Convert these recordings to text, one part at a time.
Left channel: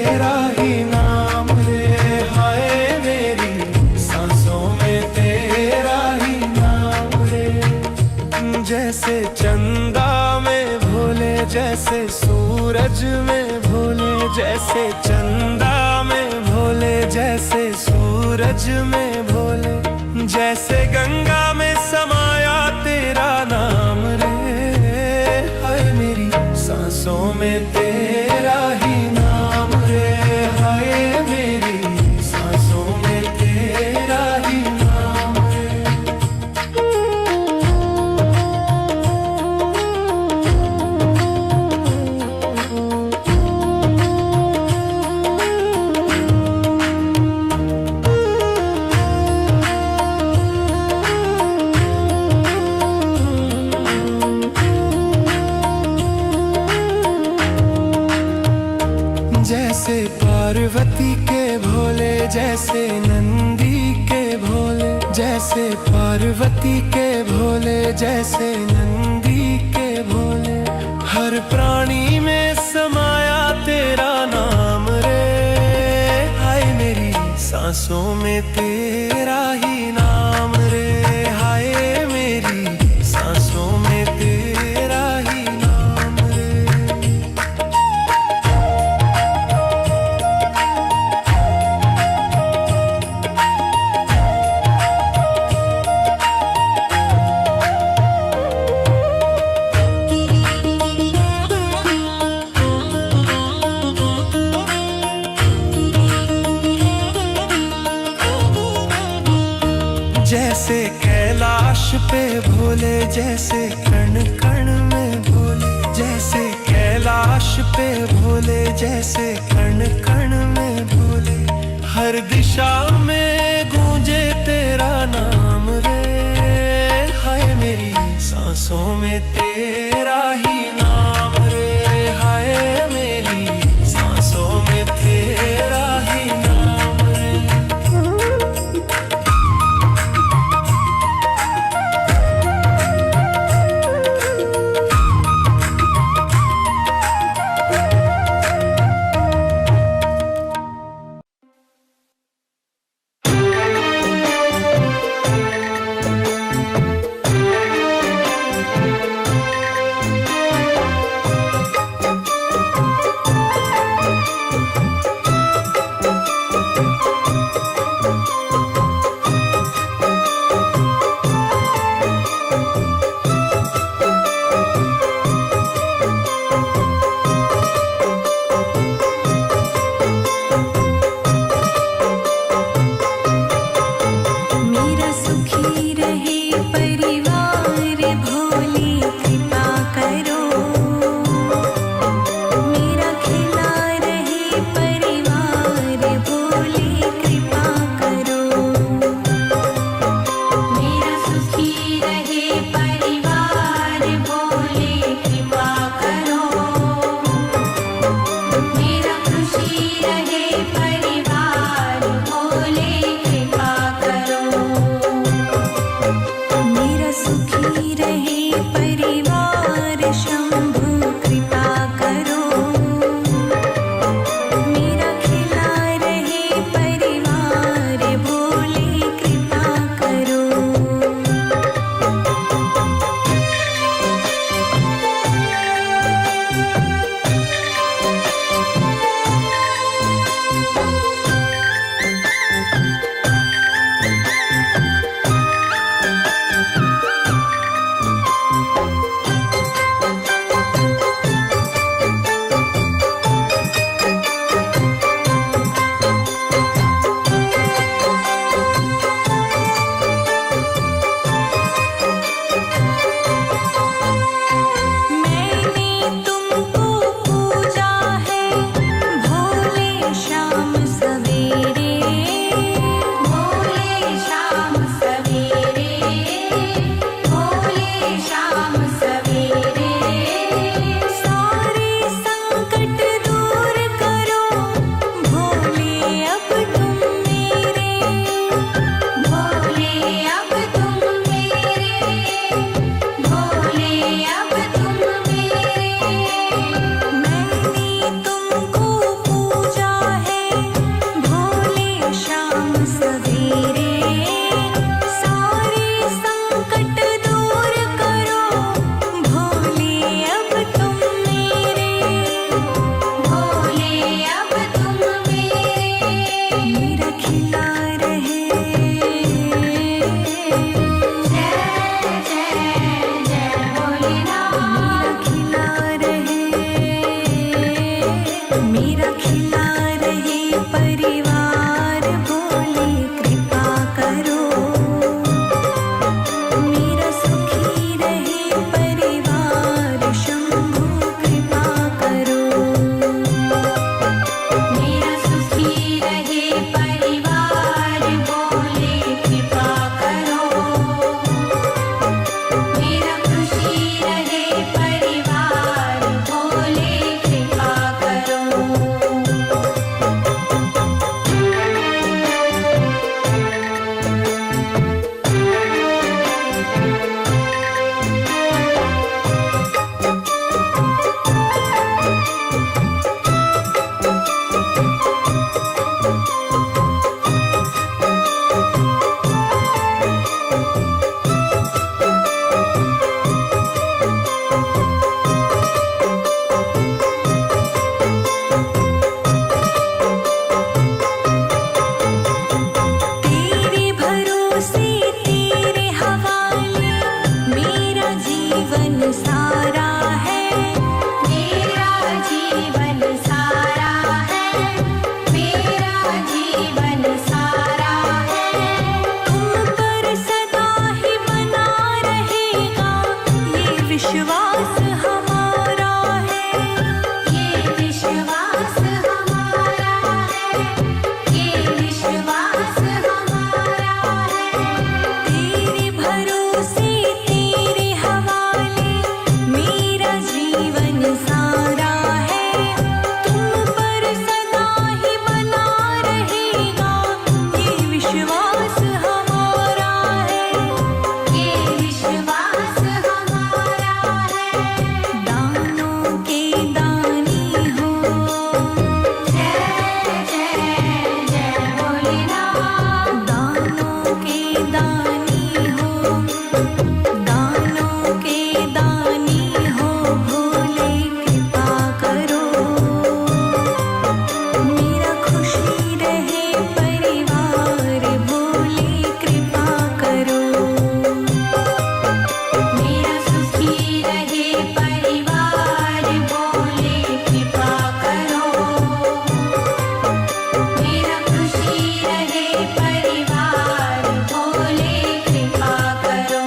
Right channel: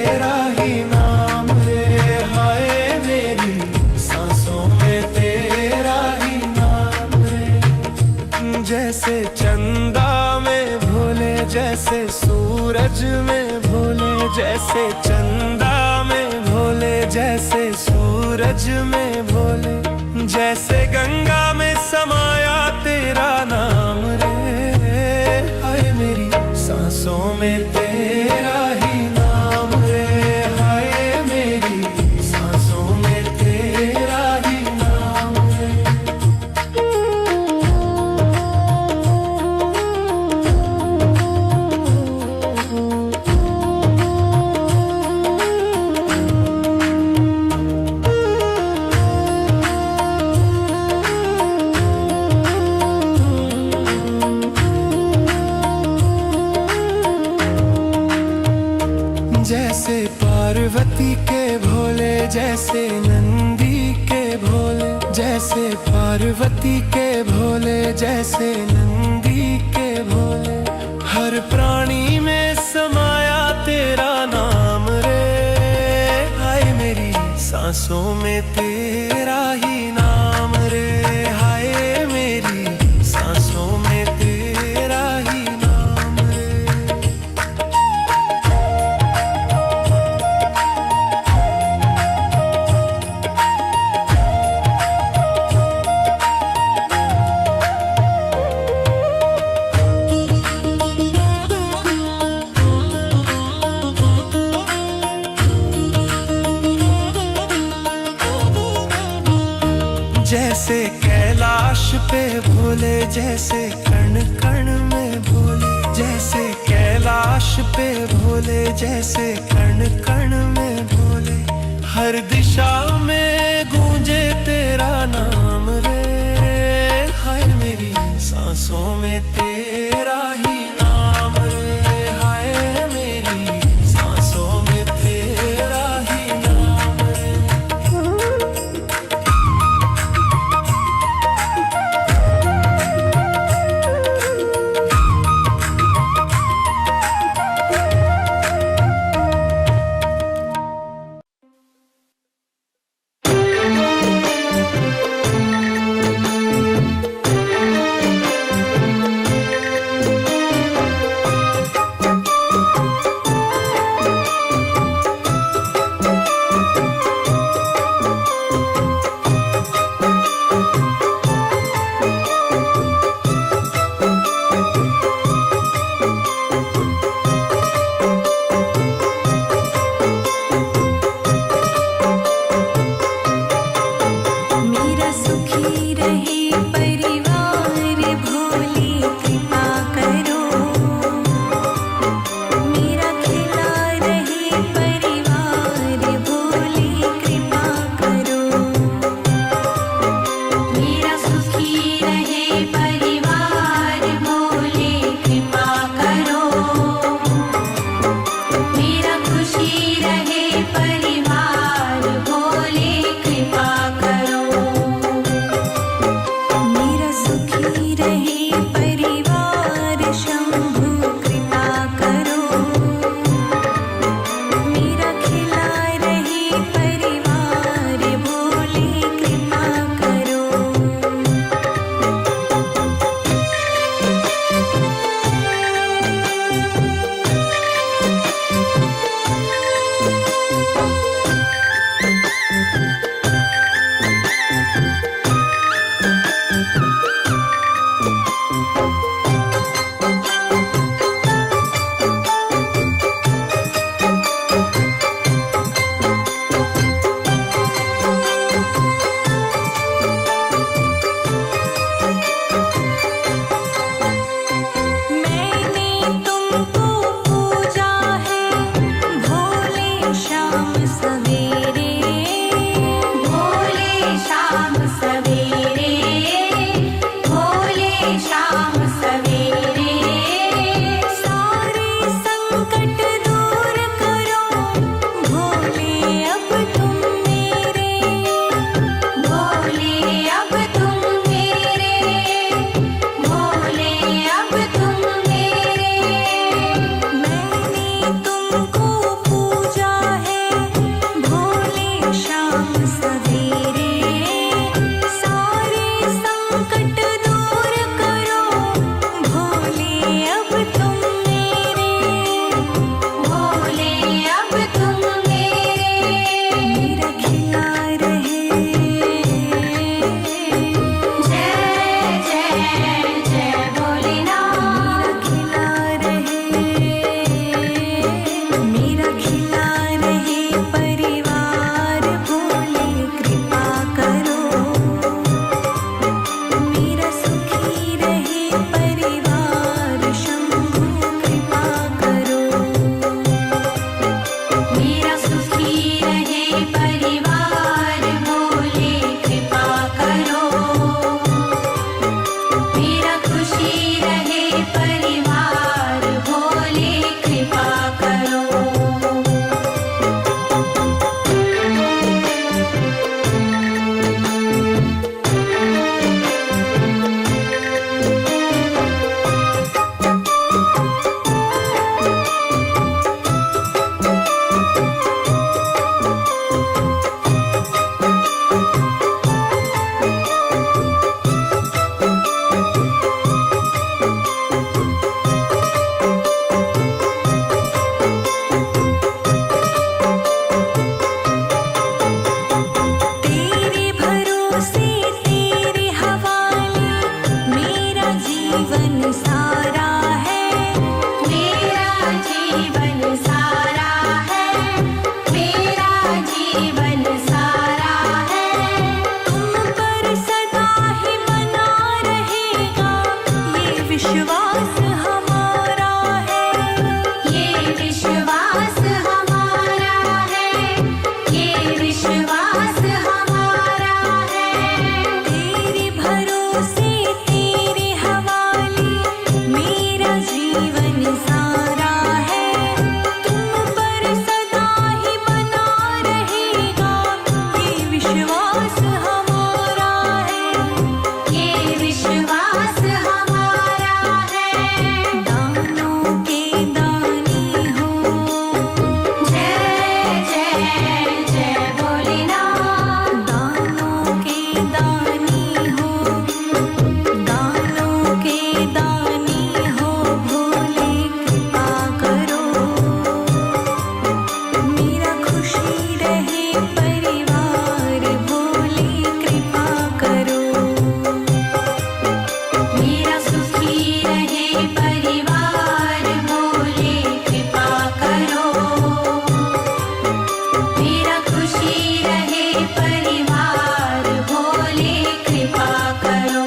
तेरा ही नाम रे, हाय मेरी सांसों में तेरा ही नाम रे। जैसे चंदा में भोले, जैसे सूरज में भोले, जैसे चंदा में भोले, जैसे सूरज में भोले, जैसे गंगा में समाया तेरा नाम रे, हाय मेरी सांसों में तेरा ही नाम रे, हाय मेरी सांसों में तेरा ही नाम रे। जैसे पार्वती के भोले, जैसे नंदी के भोले, जैसे पार्वती के भोले, जैसे नंदी के भोले, हर प्राणी में समाया तेरा नाम रे, हाय मेरी सांसों में तेरा ही नाम रे, हाय मेरी सांसों में तेरा ही नाम रे। जैसे कैलाश पे भोले, जैसे कण कण में भोले, जैसे कैलाश पे भोले, जैसे कण कण में भोले, हर दिशा में गूंजे तेरा नाम रे, हाय मेरी सांसों में तेरा ही नाम रे, हाय मेरी सांसों में तेरा ही नाम रे। मेरा सुखी रहे परिवार भोले कृपा करो, मेरा खिला रहे परिवार भोले कृपा करो, मेरा सुखी रहे परिवार भोले कृपा करो, मेरा खुशी रहे परिवार भोले कृपा करो, मेरा सुखी रहे परिवार शंभु कृपा करो, मेरा खिला रहे परिवार भोले कृपा करो। खिला रहे परिवार भोले कृपा करो। मेरा सुखी रहे परिवार शंभु कृपा करो। मेरा सुखी रहे परिवार भोले कृपा करो। मेरा खुशी रहे परिवार भोले कृपा करो। तेरे भरोसे तेरे हवाले मेरा जीवन सारा है। मेरा जीवन सारा है। मेरा जीवन सारा है। तुम पर सदा ही बना रहेगा ये विश्वास हमारा है। ये विश्वास हमारा है। ये विश्वास हमारा है। तेरे भरोसे तेरे हवाले मेरा जीवन सारा है। तुम पर सदा ही बना रहेगा ये विश्वास हमारा है। ये विश्वास हमारा है। दानों के दानी हो। जय जय जय भोलेनाथ। दानों के दानी हो। दानों के दानी हो भोले कृपा करो। मेरा खुशी रहे परिवार भोले कृपा करो। मेरा सुखी रहे परिवार भोले कृपा करो। मेरा खुशी रहे परिवार भोले कृपा करो।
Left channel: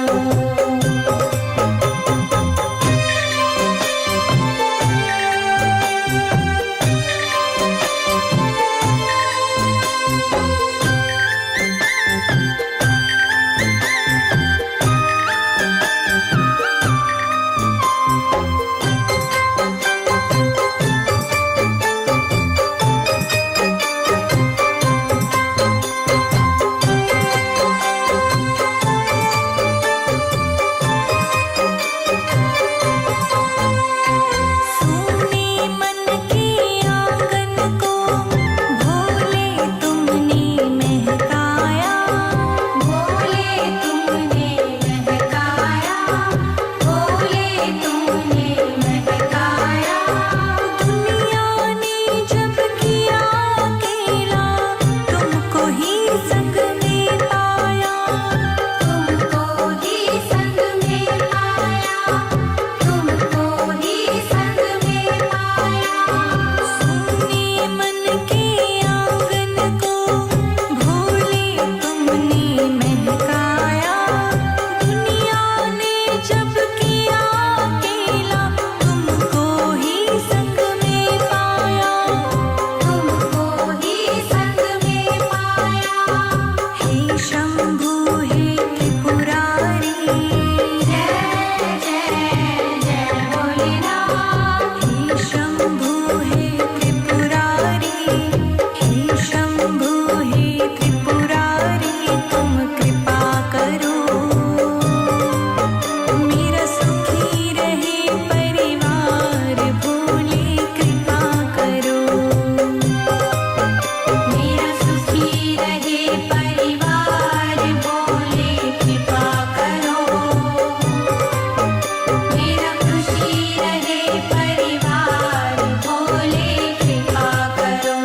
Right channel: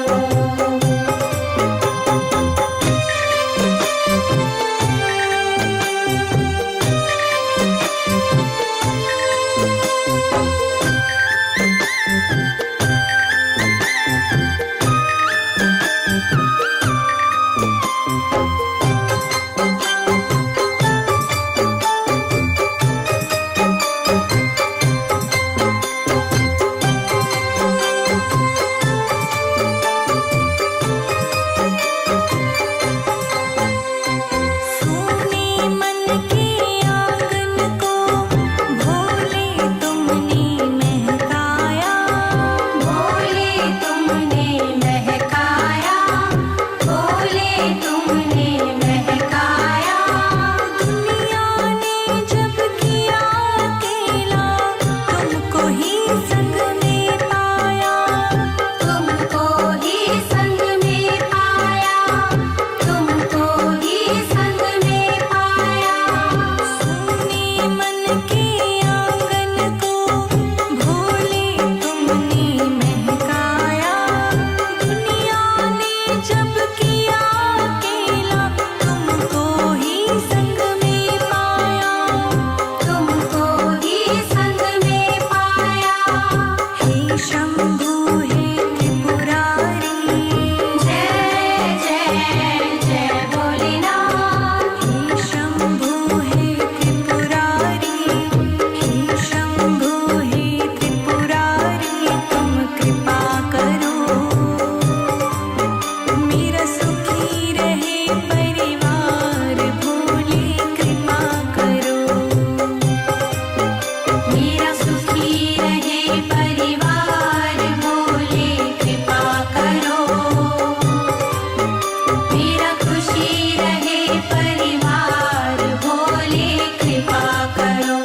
सोने मन के आंगन को भोले तुमने महकाया। भोले तुमने महकाया। भोले तुमने महकाया। दुनिया ने जब किया अकेला तुमको ही संग में पाया। तुमको ही संग में पाया। तुमको ही संग में पाया। सोने मन के आंगन को भोले तुमने महकाया। दुनिया ने जब किया अकेला तुमको ही संग में पाया। तुमको ही संग में पाया। हे शंभु हे त्रिपुरारी। जय जय जय भोलेनाथ। हे शंभु हे त्रिपुरारी। हे शंभु हे त्रिपुरारी तुम कृपा करो। मेरा सुखी रहे परिवार भोले कृपा करो। मेरा सुखी रहे परिवार भोले कृपा करो। मेरा खुशी रहे परिवार भोले कृपा करो।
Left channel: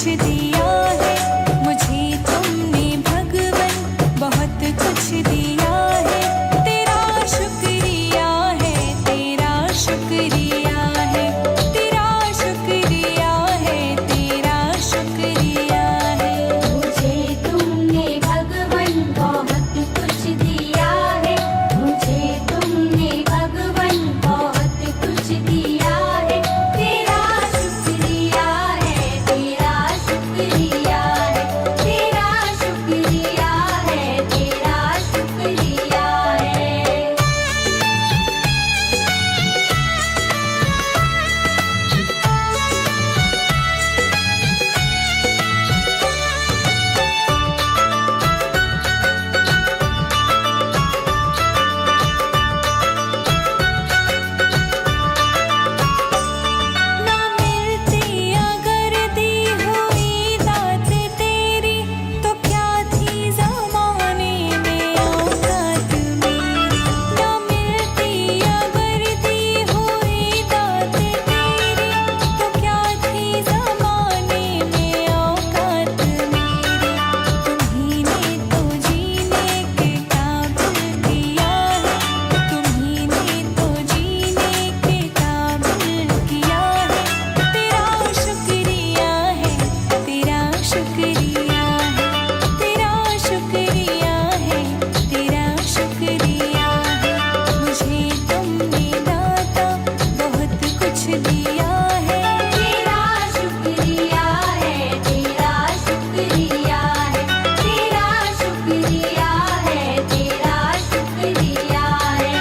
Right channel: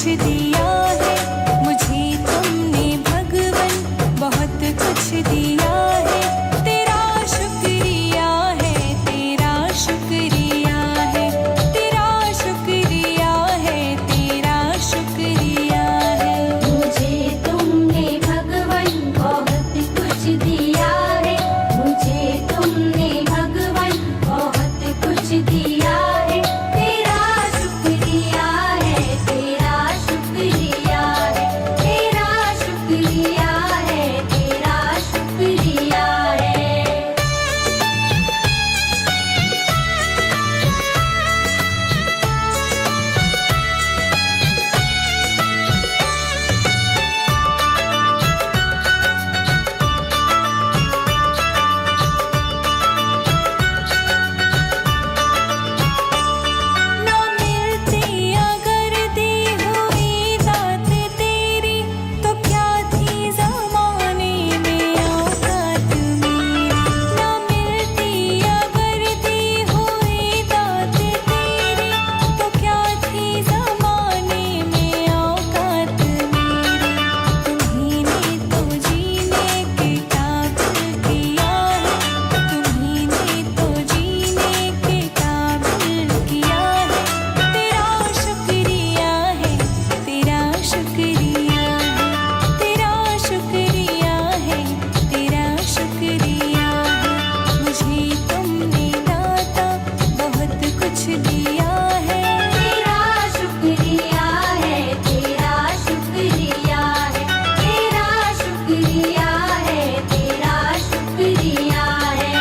कुछ दिया है मुझे तुमने भगवन, बहुत कुछ दिया है। तेरा शुक्रिया है, तेरा शुक्रिया है, तेरा शुक्रिया है, तेरा शुक्रिया है। मुझे तुमने भगवन बहुत कुछ दिया है, मुझे तुमने भगवन बहुत कुछ दिया है। तेरा शुक्रिया है, तेरा शुक्रिया है, तेरा शुक्रिया है, तेरा शुक्रिया है। ना मिलती अगर दी हुई दात तेरी, तो क्या थी ज़माने में औकात मेरी। ना मिलती अगर दी हुई दात तेरी, तो क्या थी ज़माने में औकात मेरी। तुम्हीं ने तो जीने के काबिल किया है, तुम्हीं ने तो जीने के काबिल किया है। तेरा शुक्रिया है, तेरा शुक्रिया है, तेरा शुक्रिया है, तेरा शुक्रिया है। मुझे तुमने दाता बहुत कुछ दिया है। तेरा शुक्रिया है, तेरा शुक्रिया है, तेरा शुक्रिया है, तेरा शुक्रिया है।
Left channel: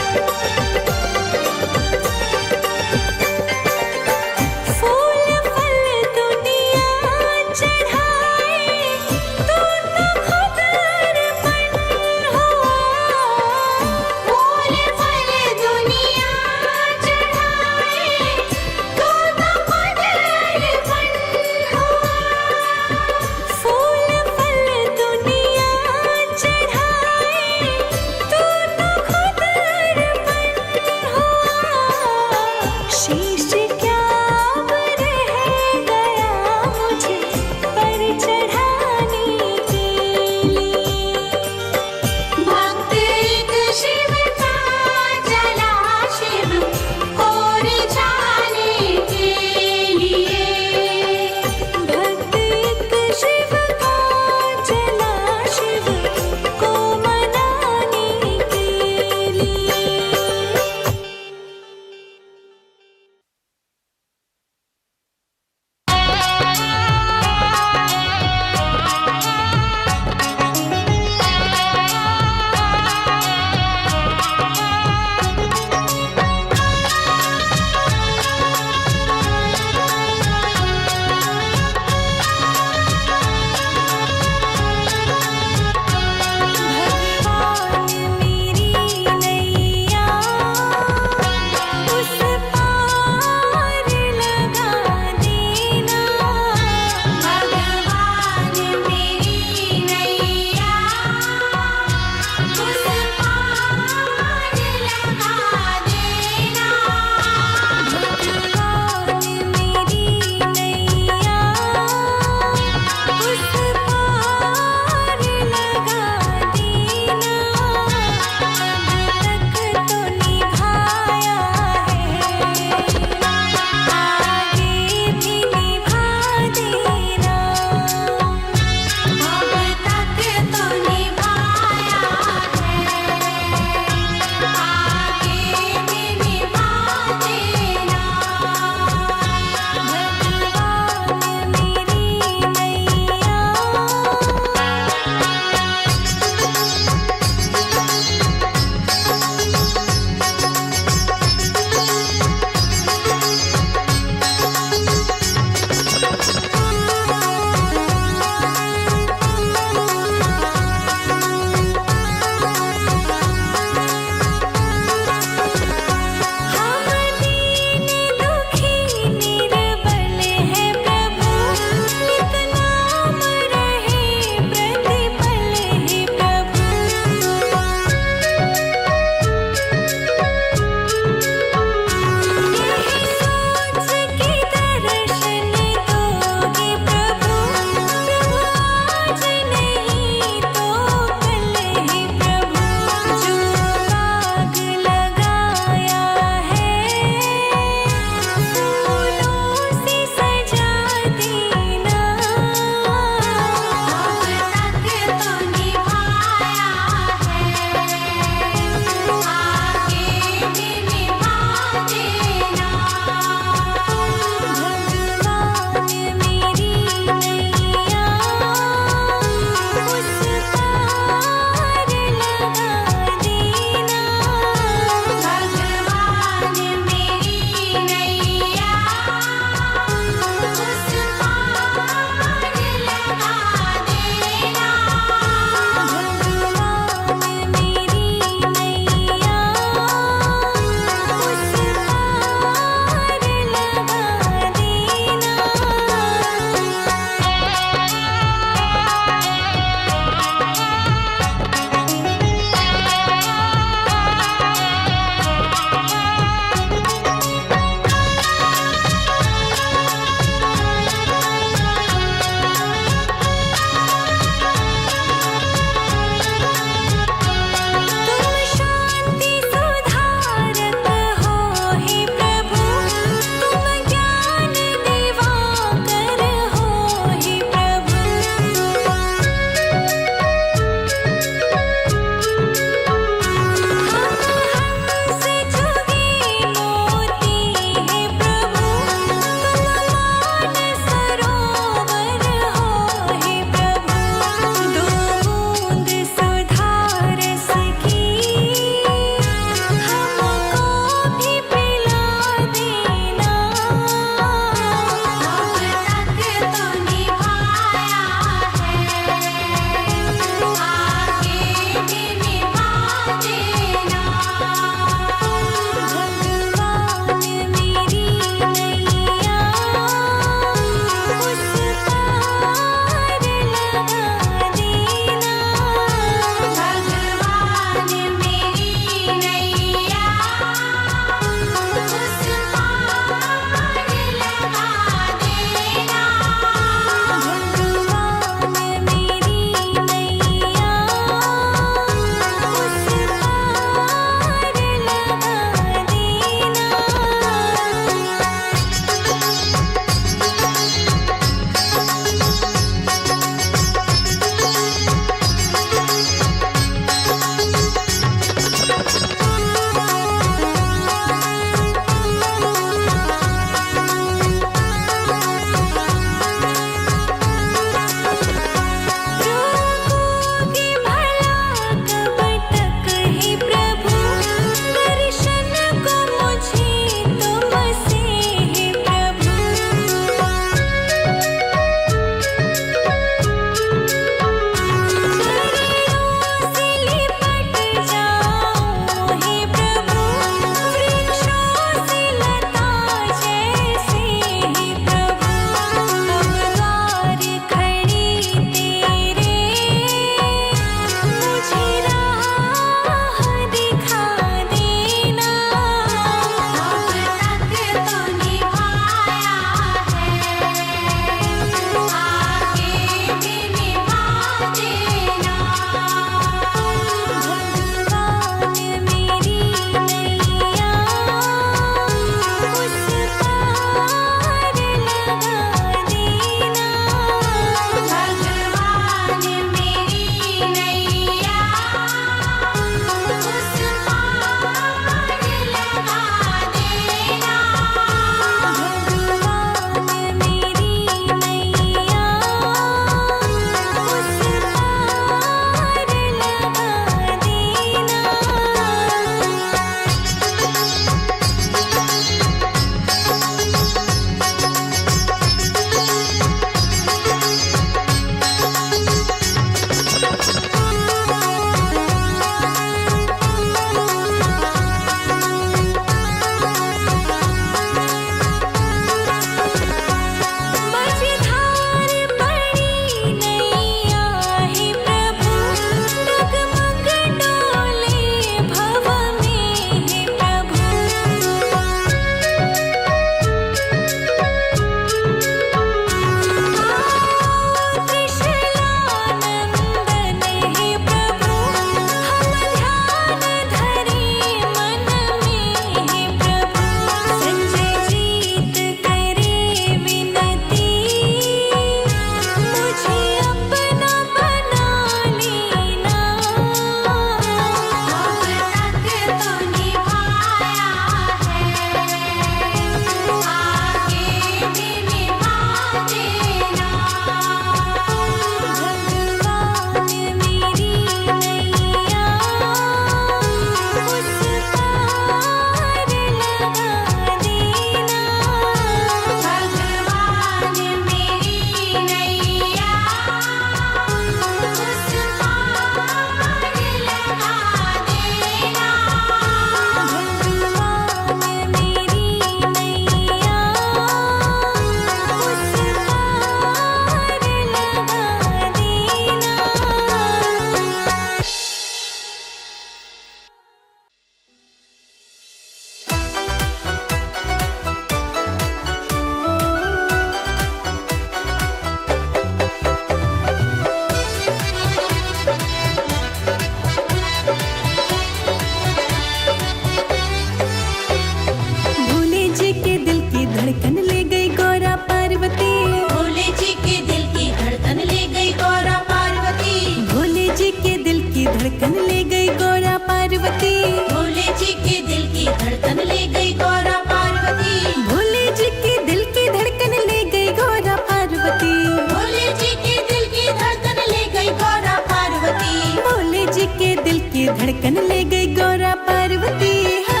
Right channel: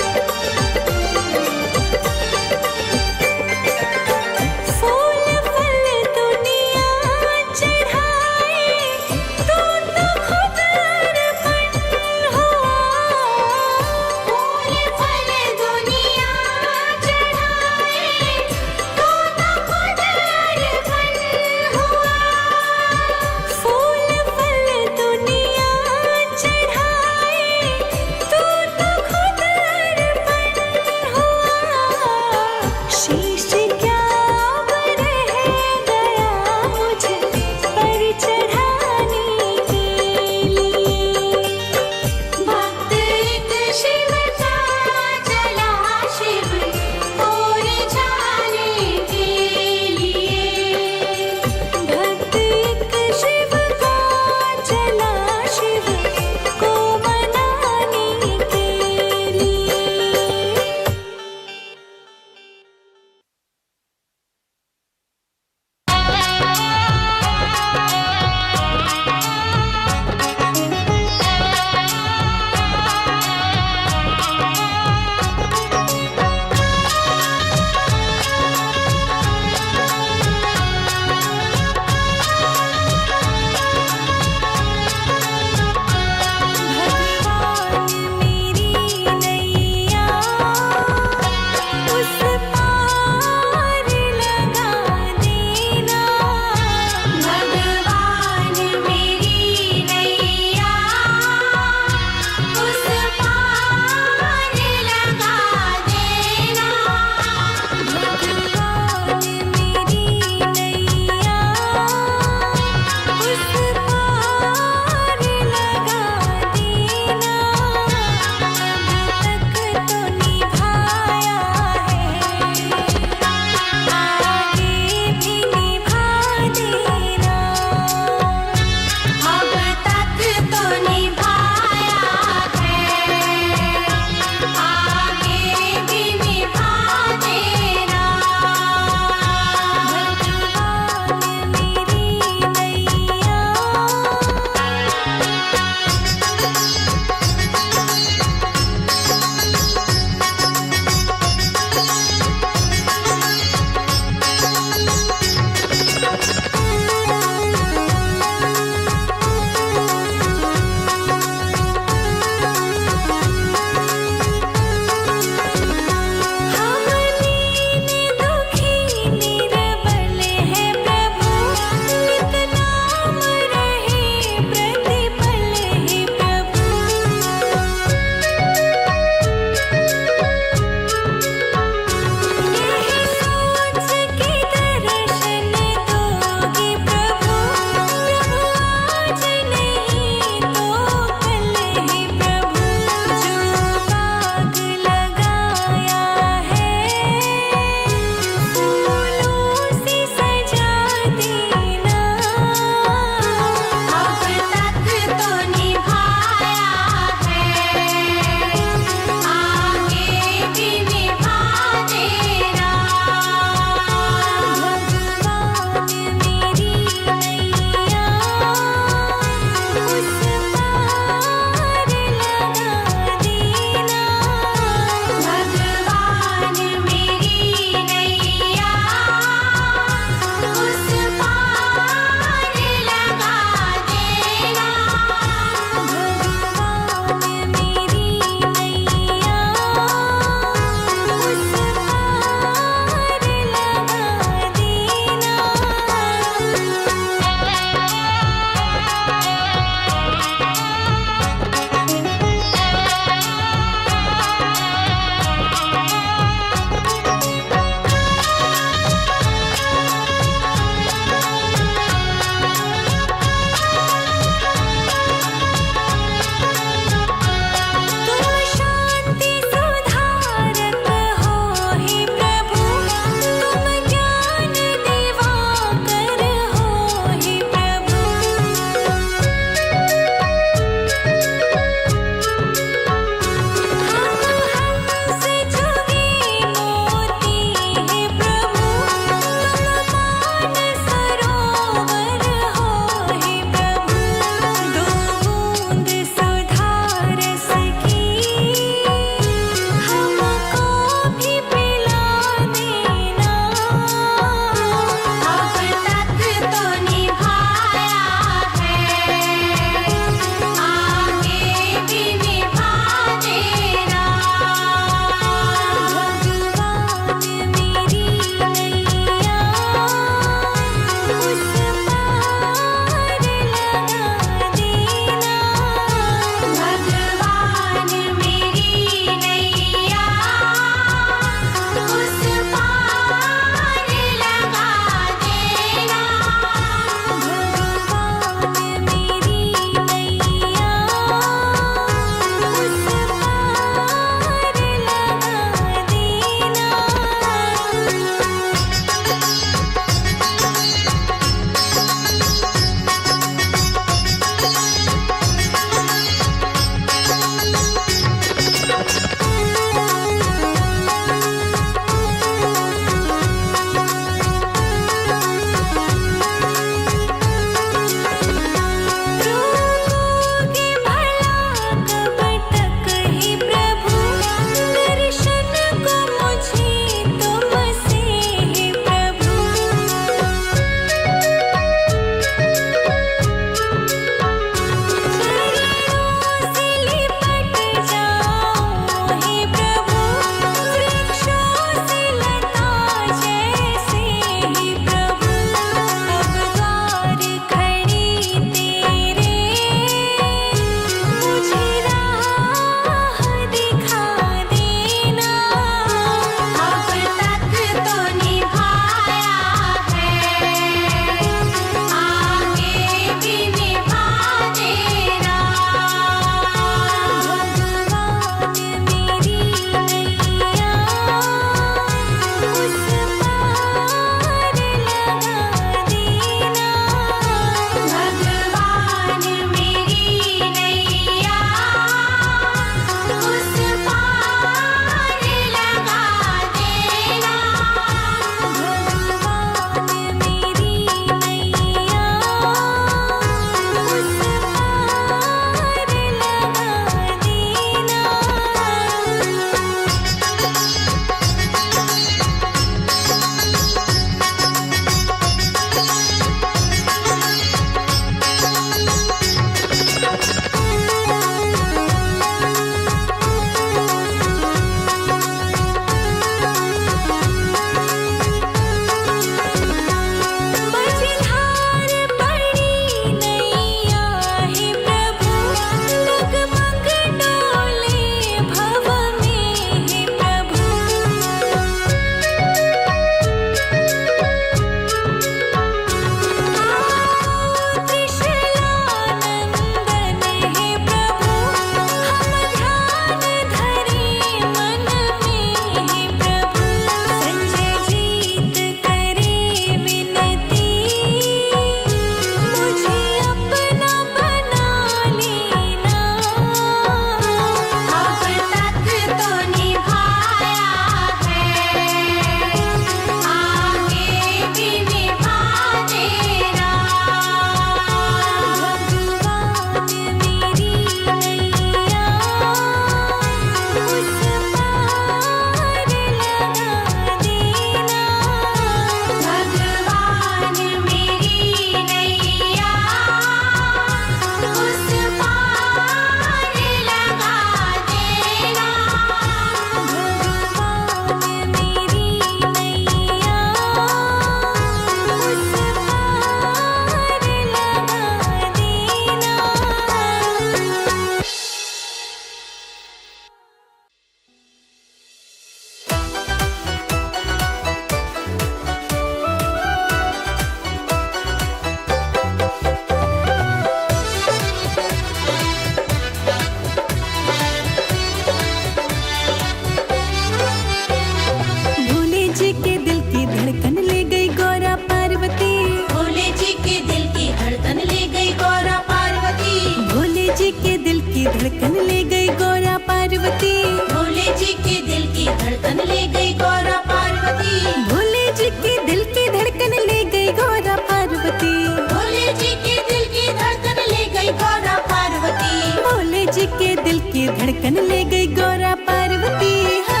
पार्वती। भोले जी के दिल की धड़कन ले गई गौरा पार्वती। भोले जी के दिल की धड़कन ले गई गौरा पार्वती। भोले जी के दिल की धड़कन ले गई गौरा पार्वती। भोले जी के दिल की धड़कन ले गई गौरा पार्वती। हाँ।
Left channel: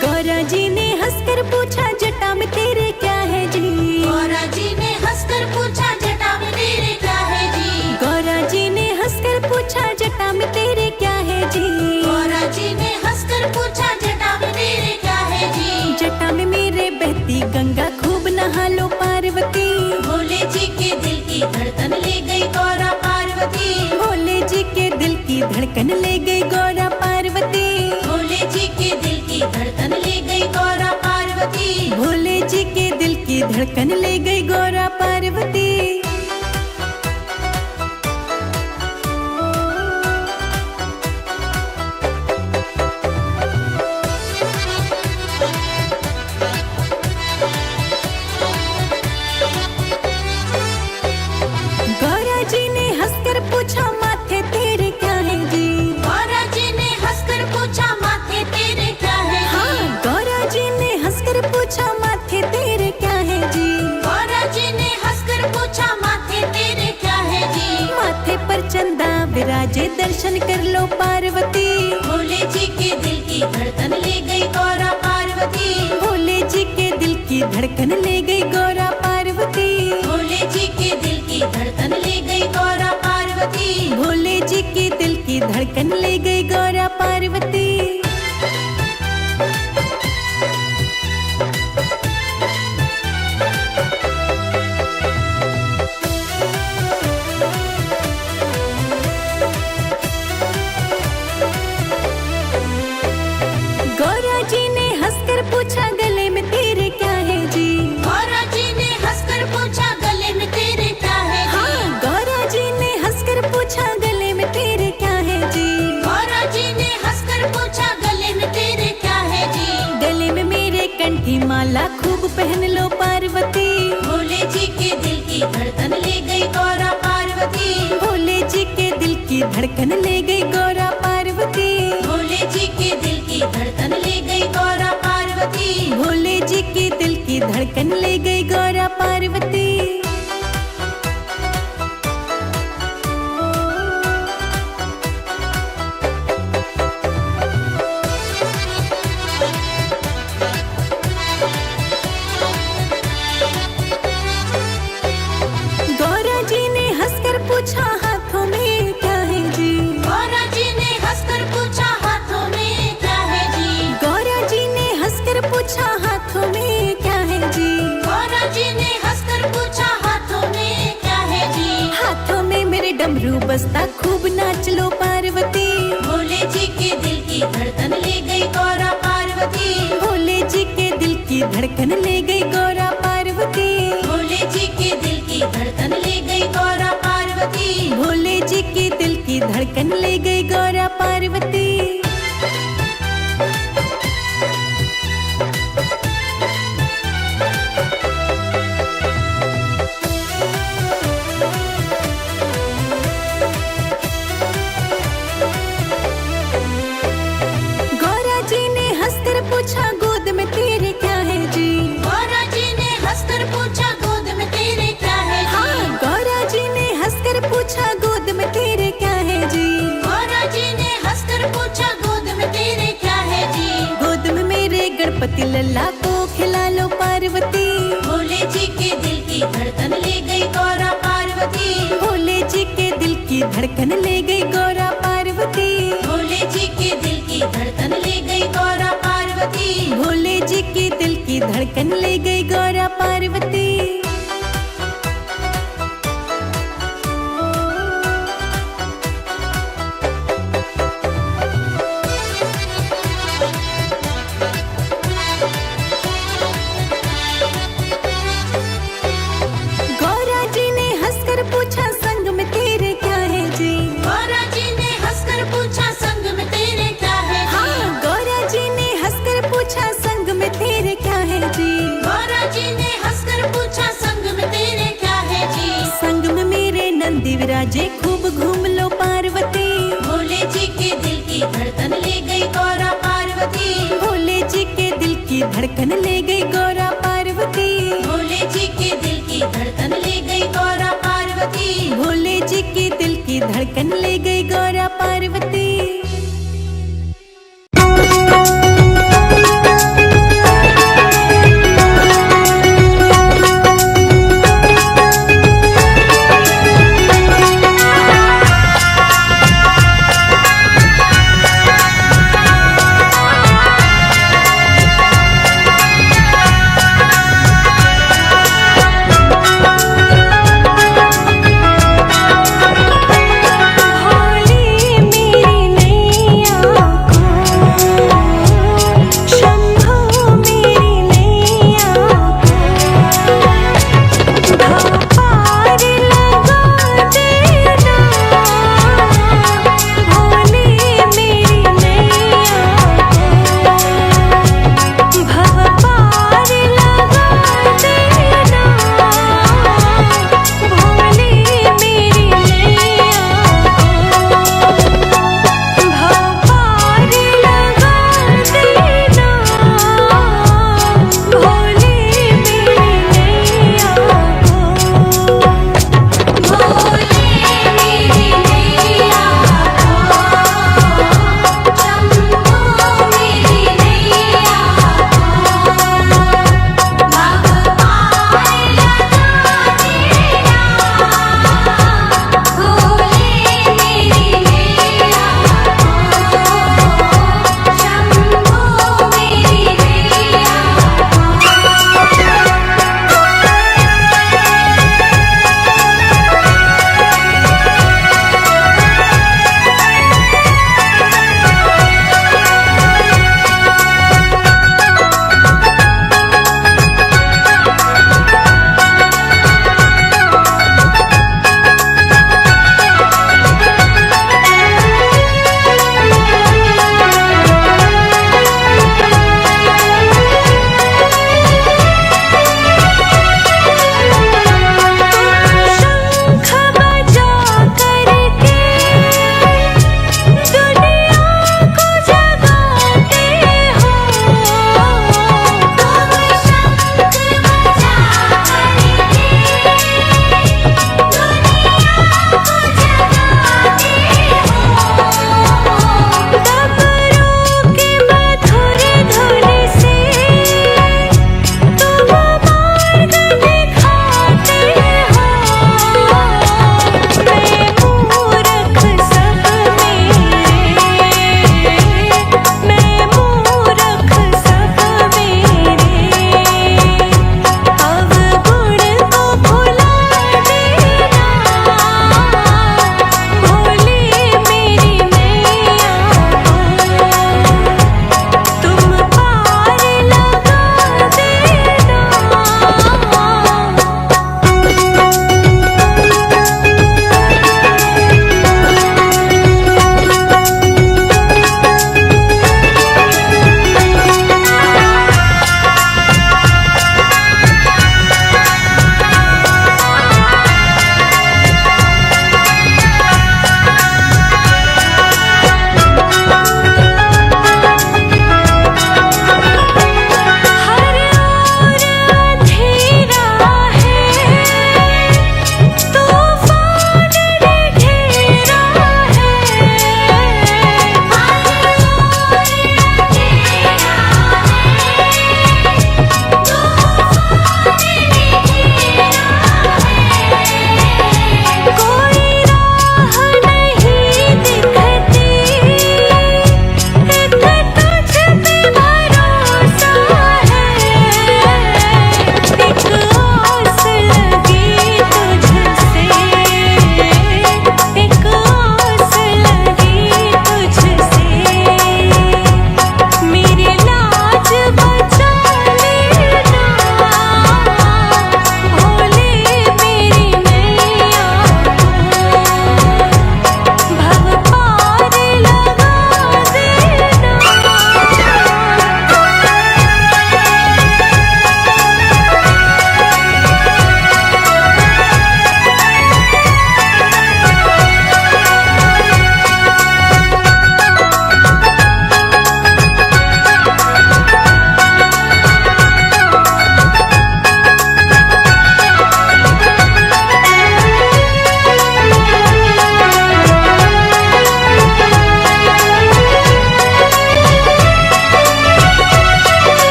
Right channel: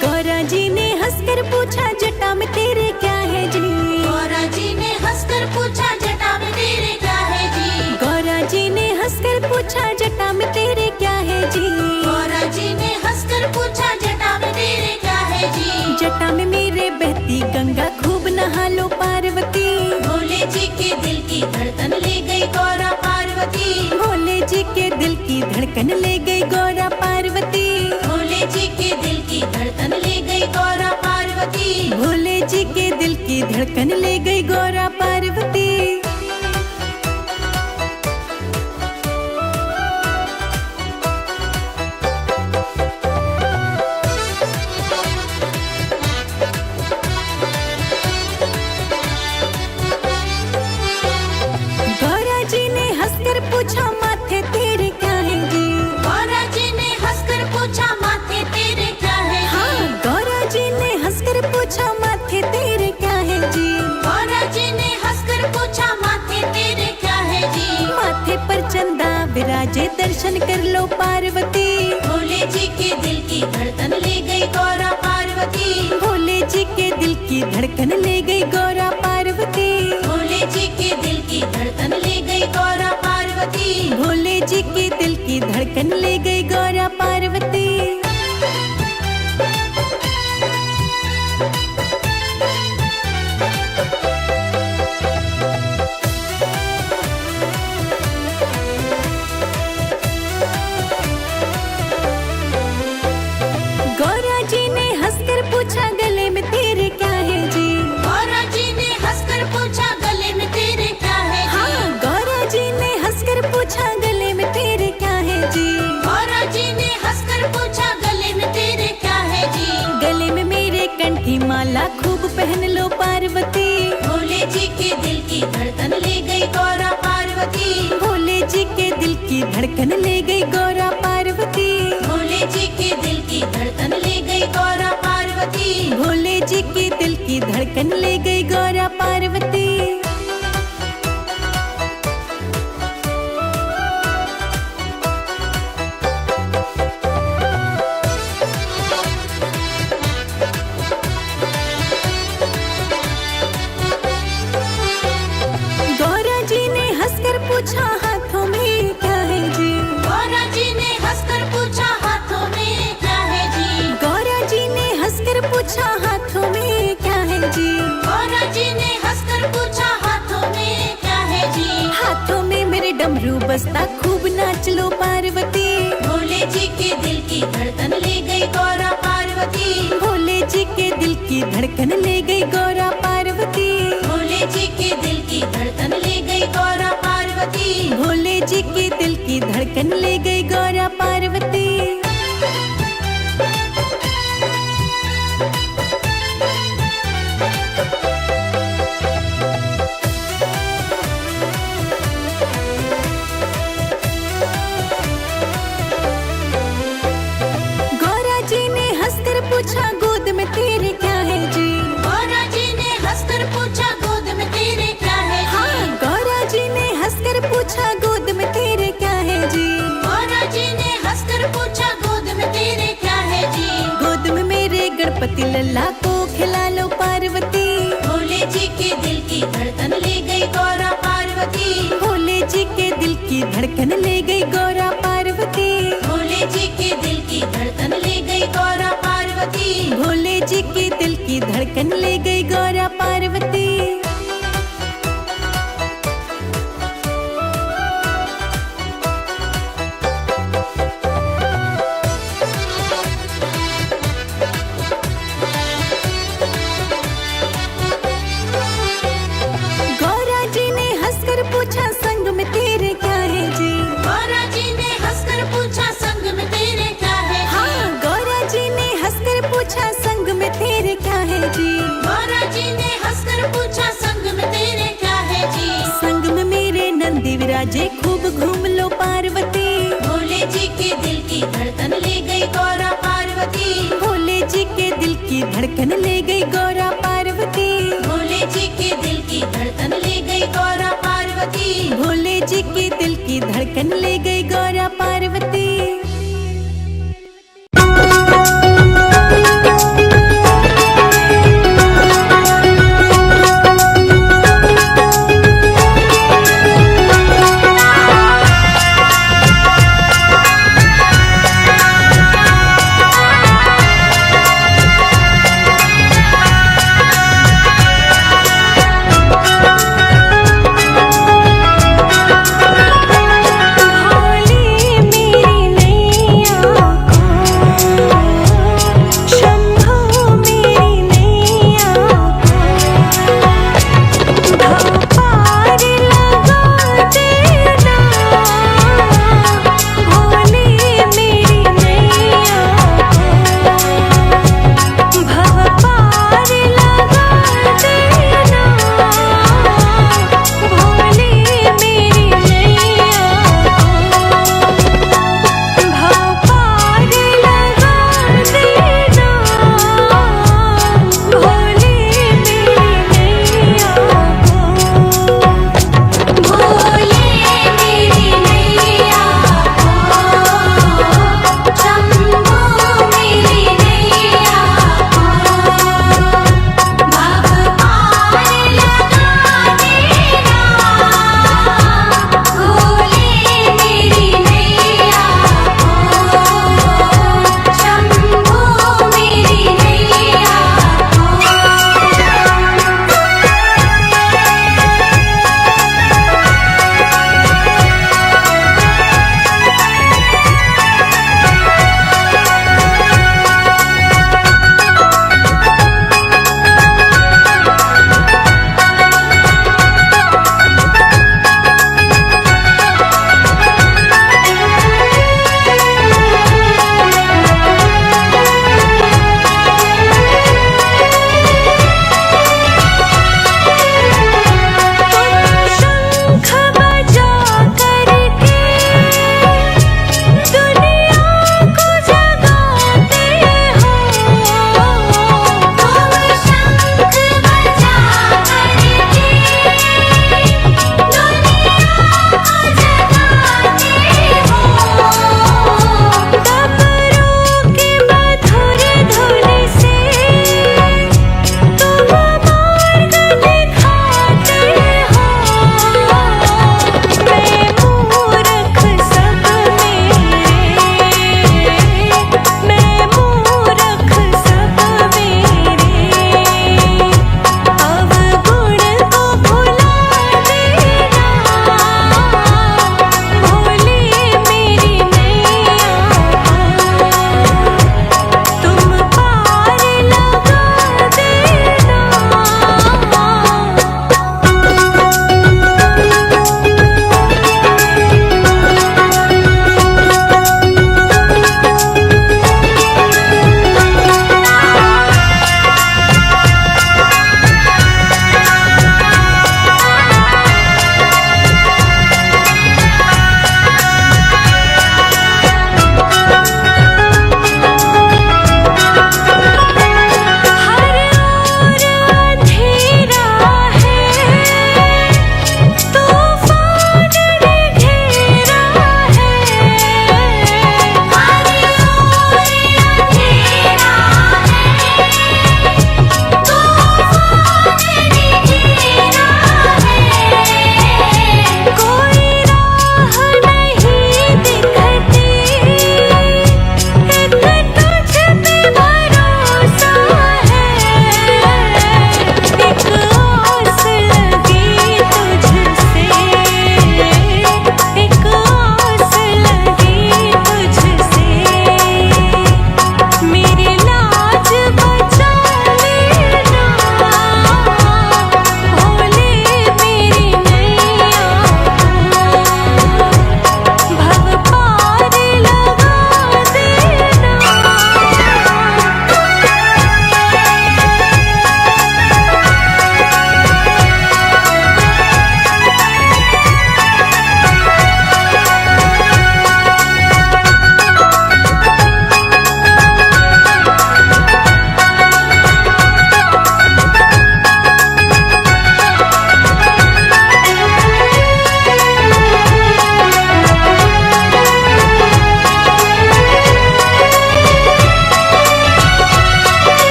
गौरा जी ने हंसकर पूछा जटा में तेरे क्या है जी। गौरा जी ने हंसकर पूछा जटा में तेरे क्या है जी। गौरा जी ने हंसकर पूछा जटा में तेरे क्या है जी। गौरा जी ने हंसकर पूछा जटा में तेरे क्या है जी। जटा में मेरे बहती गंगा खूब नहा लो पार्वती। भोले जी के दिल की धड़कन ले गई गौरा पार्वती। भोले जी के दिल की धड़कन ले गई गौरा पार्वती। भोले जी के दिल की धड़कन ले गई गौरा पार्वती। भोले जी के दिल की धड़कन ले गई गौरा पार्वती। गौरा जी ने हंसकर पूछा माथे तेरे क्या है जी। गौरा जी ने हंसकर पूछा माथे तेरे क्या है जी। हाँ, गौरा जी ने हंसकर पूछा माथे तेरे क्या है जी। गौरा जी ने हंसकर पूछा माथे तेरे क्या है जी। माथे पर चंदा विराजे दर्शन कर लो पार्वती। भोले जी के दिल की धड़कन ले गई गौरा पार्वती। भोले जी के दिल की धड़कन ले गई गौरा पार्वती। भोले जी के दिल की धड़कन ले गई गौरा पार्वती। भोले जी के दिल की धड़कन ले गई गौरा पार्वती। गौरा जी ने हंसकर पूछा गले में तेरे क्या है जी। गौरा जी ने हंसकर पूछा गले में तेरे क्या है जी। हाँ, गौरा जी ने हंसकर पूछा गले में तेरे क्या है जी। गौरा जी ने हंसकर पूछा गले में तेरे क्या है जी। गले में मेरे कंठी माला खूब पहन लो पार्वती। भोले जी के दिल की धड़कन ले गई गौरा पार्वती। भोले जी के दिल की धड़कन ले गई गौरा पार्वती। भोले जी के दिल की धड़कन ले गई गौरा पार्वती। भोले जी के दिल की धड़कन ले गई गौरा पार्वती। गौरा जी ने हंसकर पूछा हाथों में क्या है जी। गौरा जी ने हंसकर पूछा हाथों में क्या है जी। गौरा जी ने हंसकर पूछा हाथों में क्या है जी। गौरा जी ने हंसकर पूछा हाथों में क्या है जी। हाथों में मेरे डमरू बसता खूब नाच लो पार्वती। भोले जी के दिल की धड़कन ले गई गौरा पार्वती। भोले जी के दिल की धड़कन ले गई गौरा पार्वती। भोले जी के दिल की धड़कन ले गई गौरा पार्वती। भोले जी के दिल की धड़कन ले गई गौरा पार्वती। गौरा जी ने हंसकर पूछा गोद में तेरे क्या है जी। गौरा जी ने हंसकर पूछा गोद में तेरे क्या है जी। हाँ, गौरा जी ने हंसकर पूछा गोद में तेरे क्या है जी। गौरा जी ने हंसकर पूछा गोद में तेरे क्या है जी। गोद में मेरे गणपति लल्ला को खिला लो पार्वती। भोले जी के दिल की धड़कन ले गई गौरा पार्वती। भोले जी के दिल की धड़कन ले गई गौरा पार्वती। भोले जी के दिल की धड़कन ले गई गौरा पार्वती। भोले जी के दिल की धड़कन ले गई गौरा पार्वती। गौरा जी ने हंसकर पूछा संग में तेरे क्या है जी। गौरा जी ने हंसकर पूछा संग में तेरे क्या राजे खूब घूम लो पार्वती। भोले जी के दिल की धड़कन ले गई गौरा पार्वती। भोले जी के दिल की धड़कन ले गई गौरा पार्वती। भोले जी के दिल की धड़कन ले गई गौरा पार्वती। भोले जी के दिल की धड़कन ले गई गौरा पार्वती। भोले मेरे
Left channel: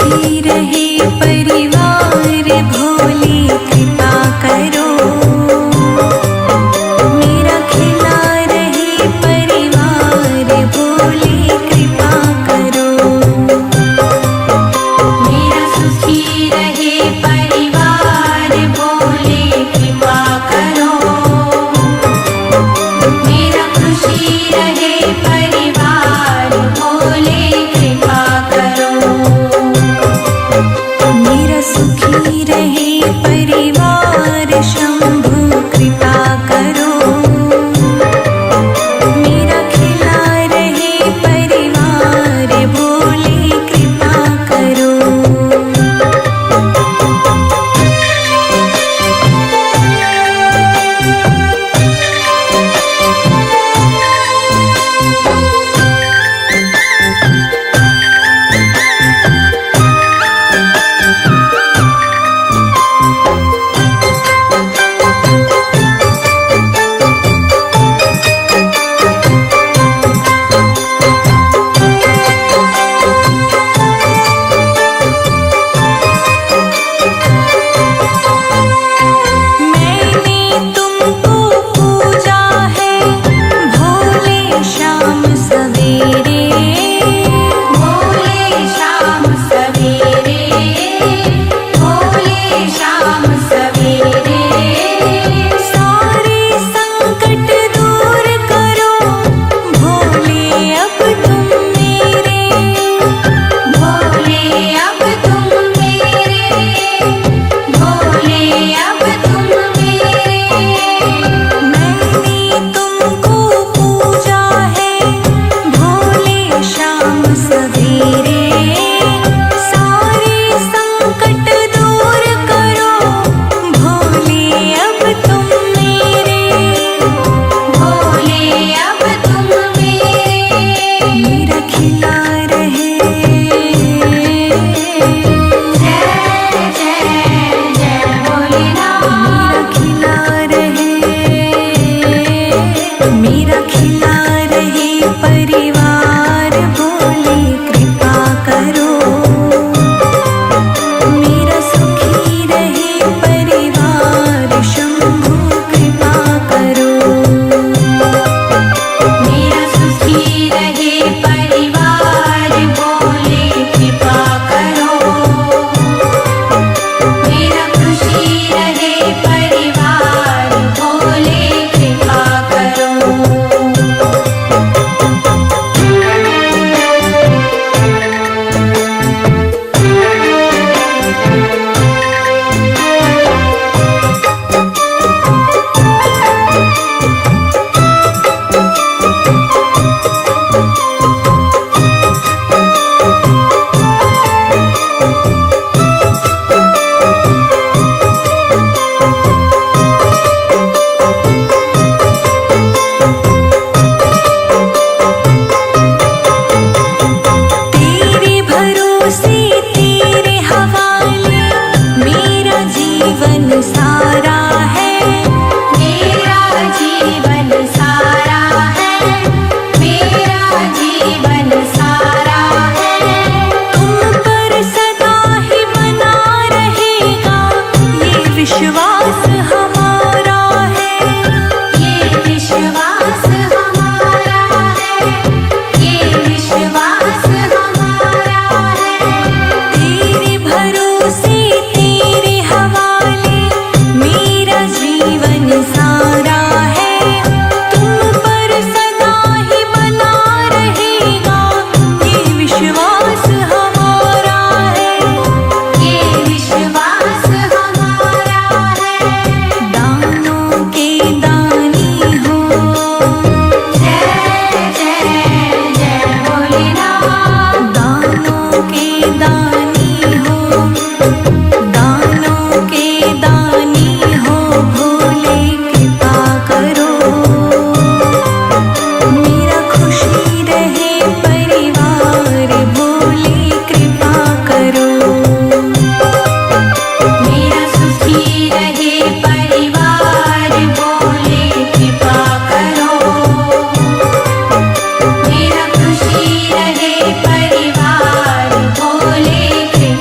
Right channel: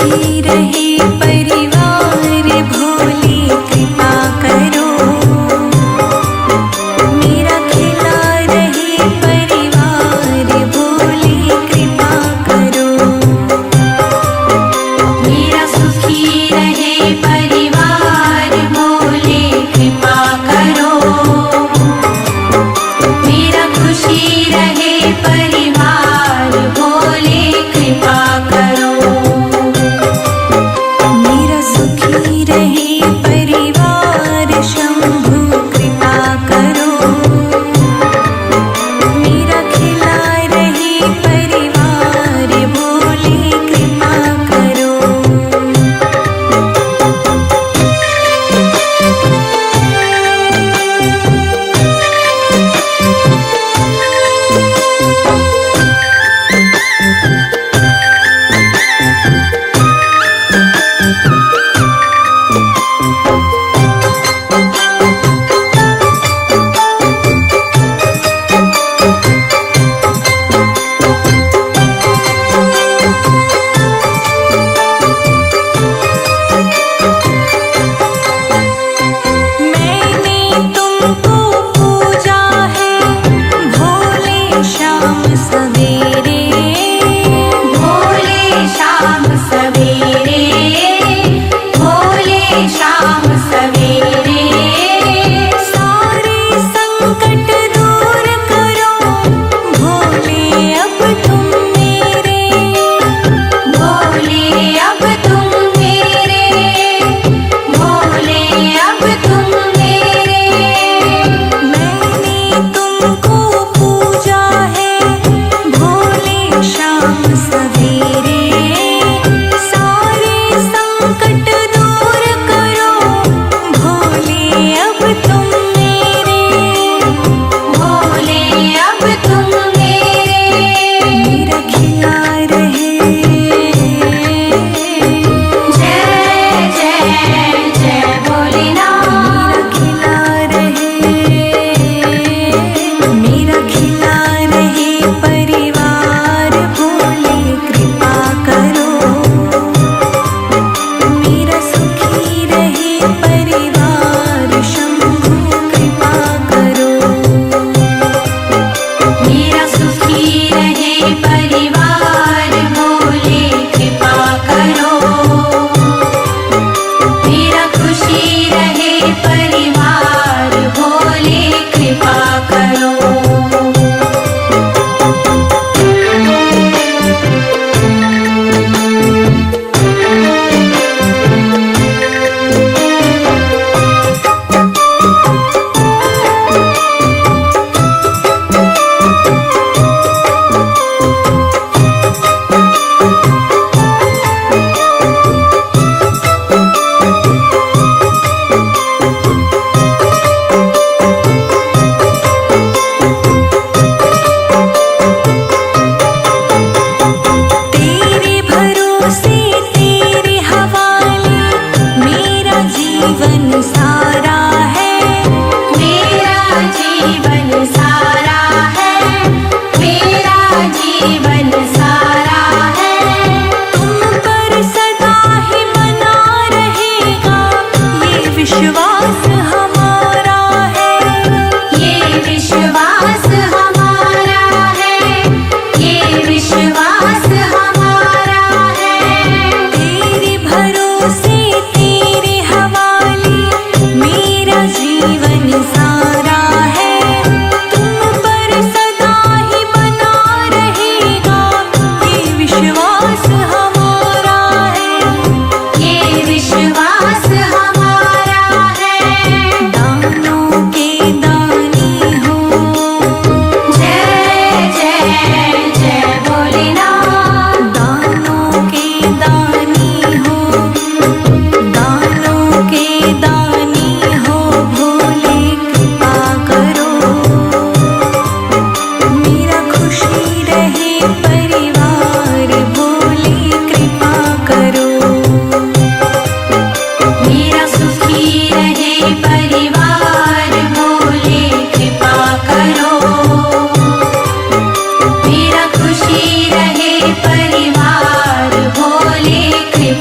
सुखी रहे परिवार भोले कृपा करो। मेरा खिला रहे परिवार भोले कृपा करो। मेरा सुखी रहे परिवार भोले कृपा करो। मेरा खुशी रहे परिवार भोले कृपा करो। मेरा सुखी रहे परिवार शंभु कृपा करो। मेरा खिला रहे परिवार भोले कृपा करो। सवेरे भोले शाम सवेरे भोले शाम सवेरे सारे संकट दूर करो भोले अब तुम मेरे। भोले अब तुम मेरे भोले अब तुम मेरे। मैंने तुमको पूजा है शाम सवेरे सारे संकट दूर करो भोले अब तुम मेरे। भोले अब तुम मेरे। मेरा खिला रहे जय जय जय भोलेनाथ। मेरा खिला रहे मेरा खिला रहे परिवार भोले कृपा करो। मेरा सुखी रहे परिवार शंभु कृपा करो। मेरा सुखी रहे परिवार भोले कृपा करो। मेरा खुशी रहे परिवार भोले कृपा करो। जीवन सारा है मेरा जीवन सारा है मेरा जीवन सारा है। तुम पर सदा ही बना रहेगा ये विश्वास हमारा है। ये विश्वास हमारा है ये विश्वास हमारा है। तेरे भरोसे तेरे हवाले मेरा जीवन सारा है। तुम पर सदा ही बना रहेगा ये विश्वास हमारा है। ये विश्वास हमारा है। दानों के दानी हो जय जय जय भोलेनाथ। दानों के दानी हो दानों के दानी हो भोले कृपा करो। मेरा खुशी रहे परिवार भोले कृपा करो। मेरा सुखी रहे परिवार भोले कृपा करो। मेरा खुशी रहे परिवार भोले कृपा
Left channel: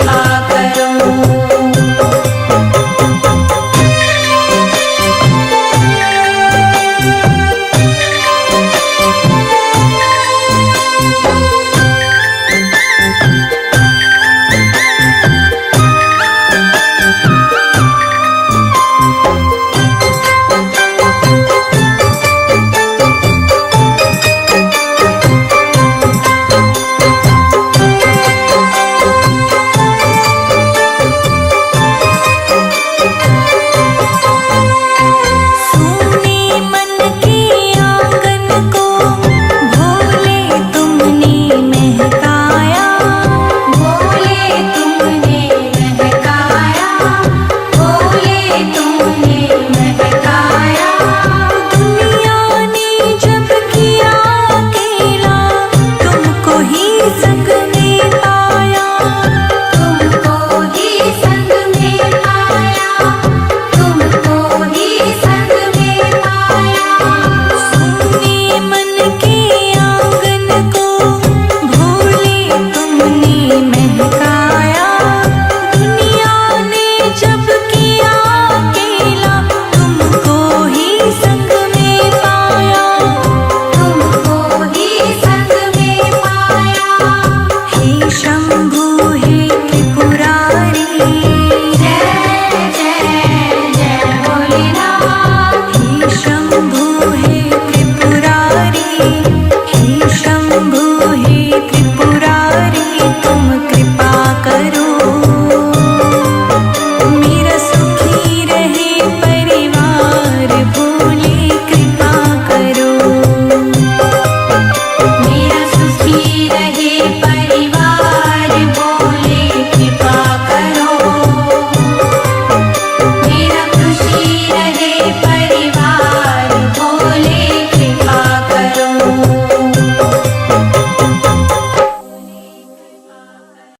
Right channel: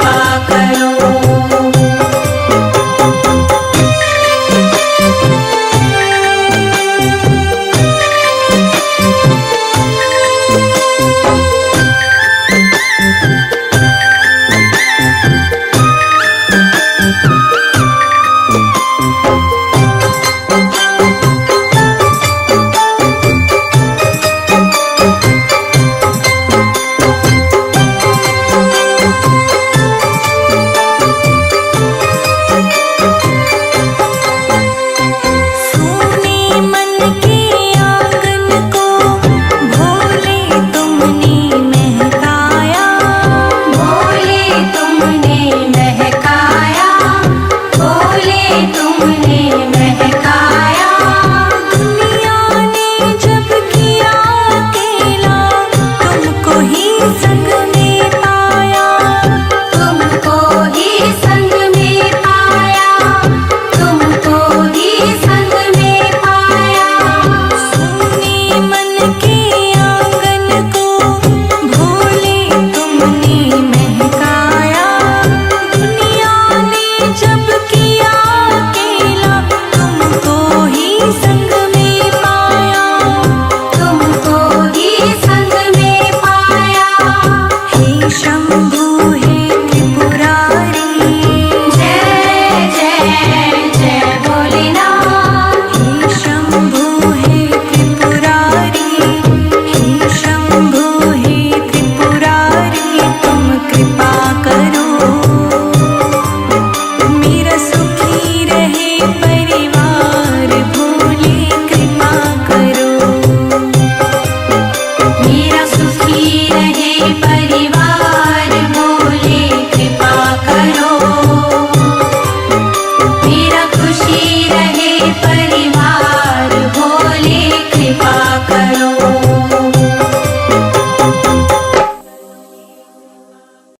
शंभु